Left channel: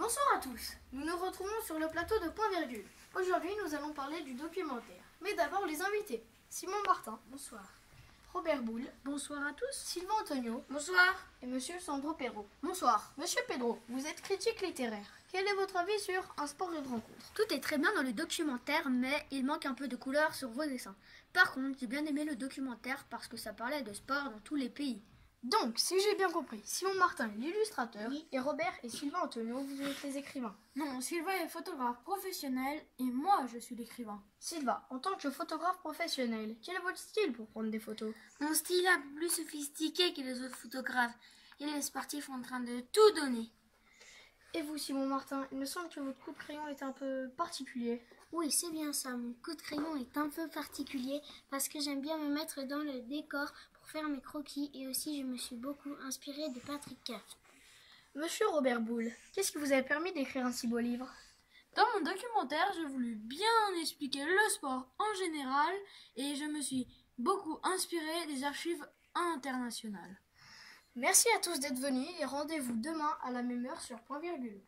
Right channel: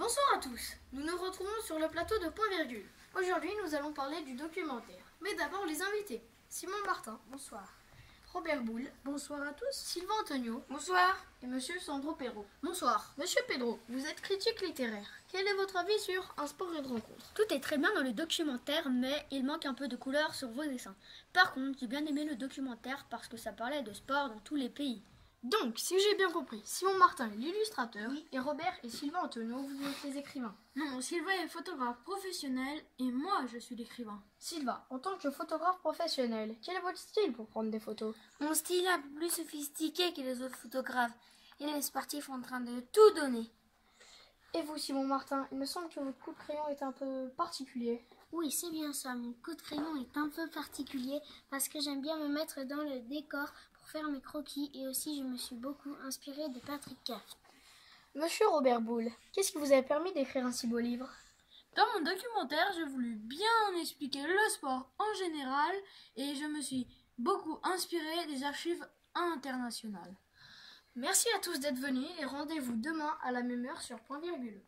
Bonsoir à tous, nous nous retrouvons sur le plateau de Point Virgule. Aujourd'hui nous allons parler du documentaire. Mais d'abord les invités. Simon Martin, bonsoir. Robert Boule, bonsoir à tous. Sylvain Antonio, bonsoir. Et monsieur Sandro Perrault, bonsoir. Monsieur Pedro, vous êtes critique littéraire. Quel est votre avis sur Un sport et une rencontre? Tout est très bien dans le documentaire, mais il manque un peu de couleur sur vos dessins. Par contre, j'ai bien aimé le documentaire parce que ça parlait de sport dans tous les pays. Donc, si j'ai bien compris, Simon Martin est l'illustrateur, et Robert et Sylvain Antonio, vous êtes les écrivains. Non, Sylvain est photographe professionnel et moi je suis l'écrivain. Sylvain, en tant que photographe professionnel, quel est votre style pour prendre des photos? Mon style est un peu plus sophistiqué que les autres photographes. Et les sportifs sont en train de tout donner. Et vous, Simon Martin, il me semble que votre coup de crayon est un peu particulier. Oui, c'est bien ça. Mon coup de crayon est un peu particulier parce que j'aime bien me mettre dans le décor pour faire mes croquis et aussi je me suis beaucoup inspirée de Patrick Kaft. Monsieur Robert Boule, qu'est-ce qui vous a permis d'écrire un si beau livre? Dans mon documentaire, j'ai voulu bien expliquer le sport en général et je me suis beaucoup inspirée des archives internationales. Merci à tous d'être venus et rendez-vous demain à la même heure sur Point Virgule.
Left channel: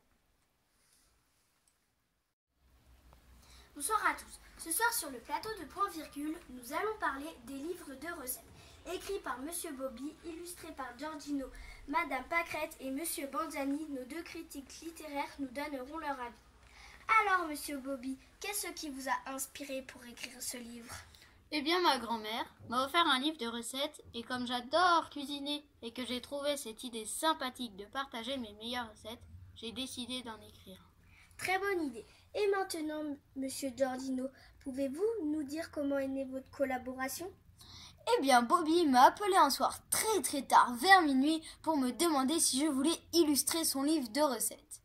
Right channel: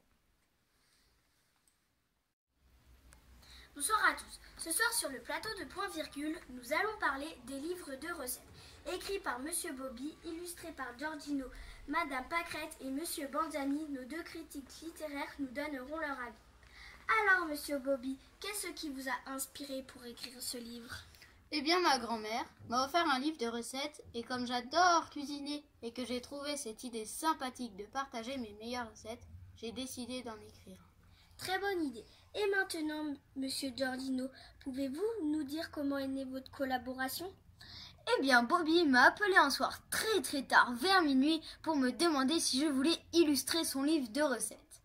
Bonsoir à tous. Ce soir sur le plateau de Point Virgule, nous allons parler des livres de recettes. Écrits par Monsieur Bobby, illustrés par Giordino, Madame Pâquerette et Monsieur Banzani, nos deux critiques littéraires nous donneront leur avis. Alors Monsieur Bobby, qu'est-ce qui vous a inspiré pour écrire ce livre? Eh bien, ma grand-mère m'a offert un livre de recettes et comme j'adore cuisiner et que j'ai trouvé cette idée sympathique de partager mes meilleures recettes, j'ai décidé d'en écrire. Très bonne idée. Et maintenant, Monsieur Giordino, pouvez-vous nous dire comment est née votre collaboration? Eh bien, Bobby m'a appelé un soir très tard, vers minuit, pour me demander si je voulais illustrer son livre de recettes.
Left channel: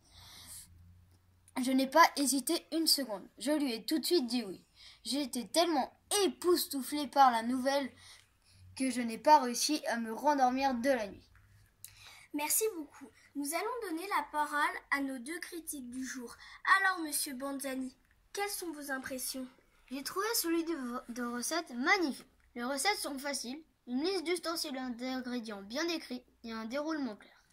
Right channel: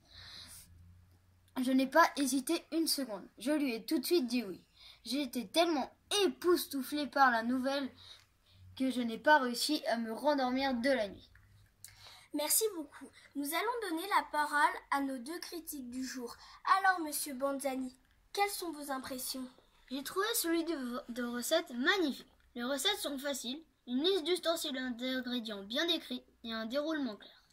Je n'ai pas hésité une seconde. Je lui ai tout de suite dit oui. J'ai été tellement époustouflée par la nouvelle que je n'ai pas réussi à me rendormir de la nuit. Merci beaucoup. Nous allons donner la parole à nos deux critiques du jour. Alors, Monsieur Banzani, quelles sont vos impressions? J'ai trouvé celui de recettes magnifique. Les recettes sont faciles, une liste d'ustensiles et d'ingrédients bien décrits et un déroulement clair.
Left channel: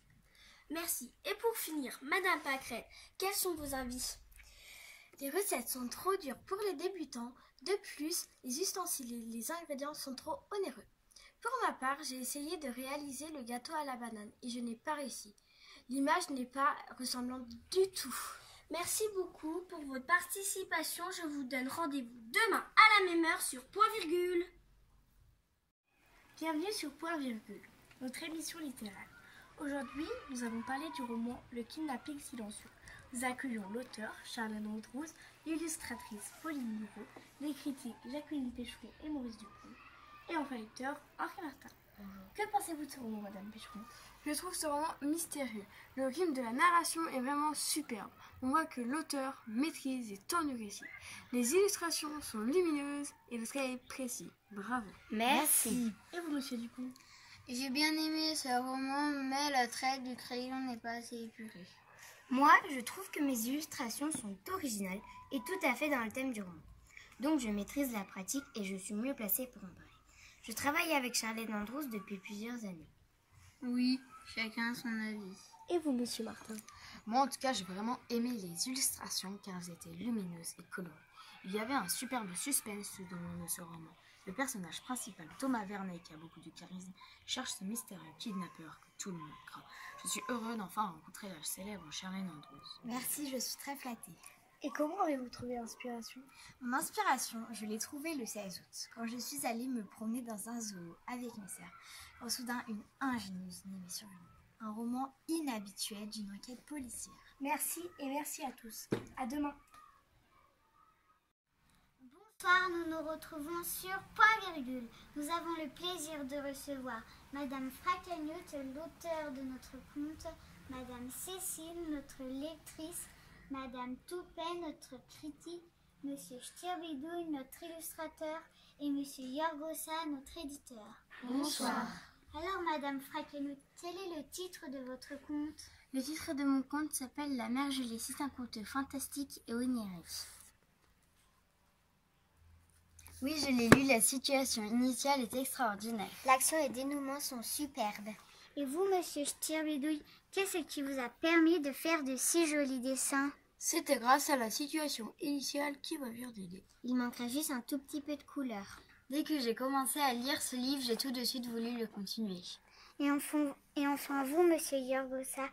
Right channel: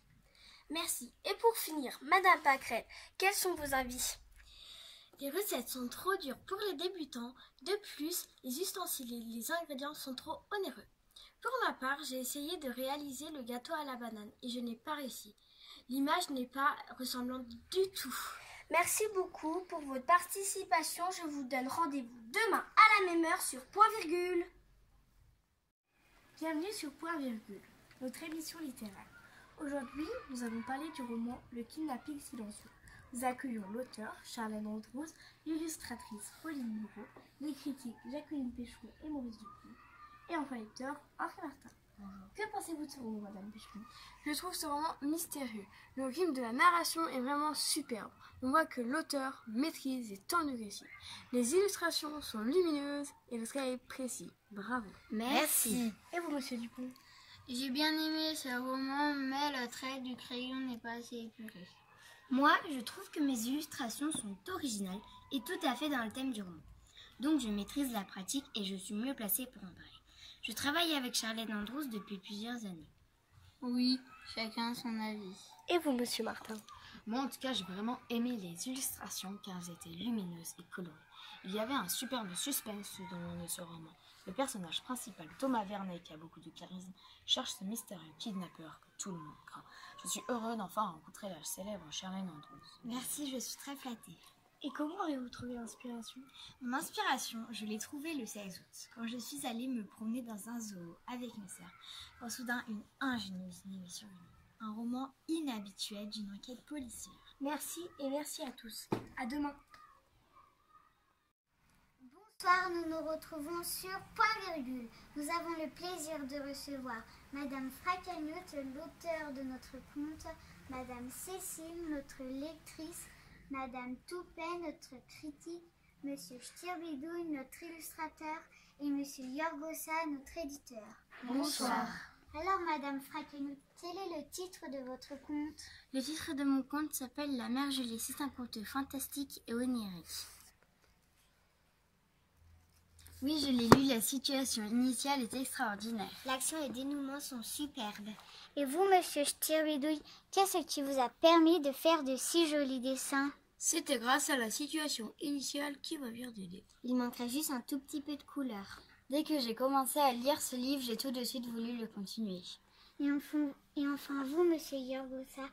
Merci. Et pour finir, Madame Pâquerette, quels sont vos avis? Les recettes sont trop dures pour les débutants. De plus, les ustensiles et les ingrédients sont trop onéreux. Pour ma part, j'ai essayé de réaliser le gâteau à la banane et je n'ai pas réussi. L'image n'est pas ressemblante du tout. Merci beaucoup pour votre participation. Je vous donne rendez-vous demain à la même heure sur Point Virgule. Bienvenue sur Point Virgule, notre émission littéraire. Aujourd'hui, nous allons parler du roman Le kidnapping silencieux. Nous accueillons l'auteur, Charlène Andrews, l'illustratrice Pauline Moreau, les critiques Jacqueline Pécheron et Maurice Dupont, et enfin lecteur Henri Martin. Bonjour. Que pensez-vous de ce roman, Madame Pécheron? Je trouve ce roman mystérieux. Le rythme de la narration est vraiment superbe. On voit que l'auteur maîtrise les temps du récit. Les illustrations sont lumineuses et le trait est précis. Bravo. Merci. Et vous, Monsieur Dupont? J'ai bien aimé ce roman, mais le trait du crayon n'est pas assez épuré. Moi, je trouve que mes illustrations sont originales et tout à fait dans le thème du roman. Donc je maîtrise la pratique et je suis mieux placée pour en parler. Je travaille avec Charlène Andrews depuis plusieurs années. Oui, chacun son avis. Et vous, Monsieur Martin? Moi, en tout cas, j'ai vraiment aimé les illustrations car elles étaient lumineuses et colorées. Il y avait un superbe suspense dans le long de ce roman. Le personnage principal, Thomas Vernet, qui a beaucoup de charisme, cherche ce mystérieux kidnappeur que tout le monde craint. Je suis heureux d'enfin rencontrer la célèbre Charlène Andrews. Merci, je suis très flattée. Et comment avez-vous trouvé l'inspiration? Mon inspiration, je l'ai trouvée le 16 août, quand je suis allée me promener dans un zoo avec mes sœurs, quand soudain une ingénieuse idée m'est survenue. Un roman inhabituel d'une enquête policière. Merci et merci à tous. À demain. Bonsoir, nous nous retrouvons sur Point Virgule. Nous avons le plaisir de recevoir Madame Fracanut, l'auteur de notre conte, Madame Cécile, notre lectrice, Madame Toupet, notre critique, Monsieur Stirbidouille, notre illustrateur, et Monsieur Yorgosa, notre éditeur. Bonsoir. Alors, Madame Fracanut, quel est le titre de votre conte? Le titre de mon conte s'appelle La mère Julie. C'est un conte fantastique et onirique. Oui, je l'ai lu, la situation initiale est extraordinaire. L'action et le dénouement sont superbes. Et vous, monsieur Stirbidouille, qu'est-ce qui vous a permis de faire de si jolis dessins? C'était grâce à la situation initiale qui m'a bien aidé. Il manquerait juste un tout petit peu de couleur. Dès que j'ai commencé à lire ce livre, j'ai tout de suite voulu le continuer. Et enfin vous, monsieur Yorgosa,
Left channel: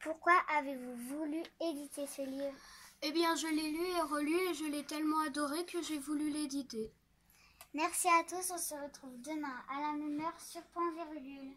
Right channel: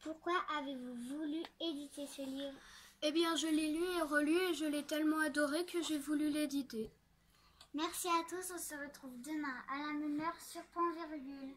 pourquoi avez-vous voulu éditer ce livre? Eh bien, je l'ai lu et relu et je l'ai tellement adoré que j'ai voulu l'éditer. Merci à tous, on se retrouve demain à la même heure sur Point Virgule.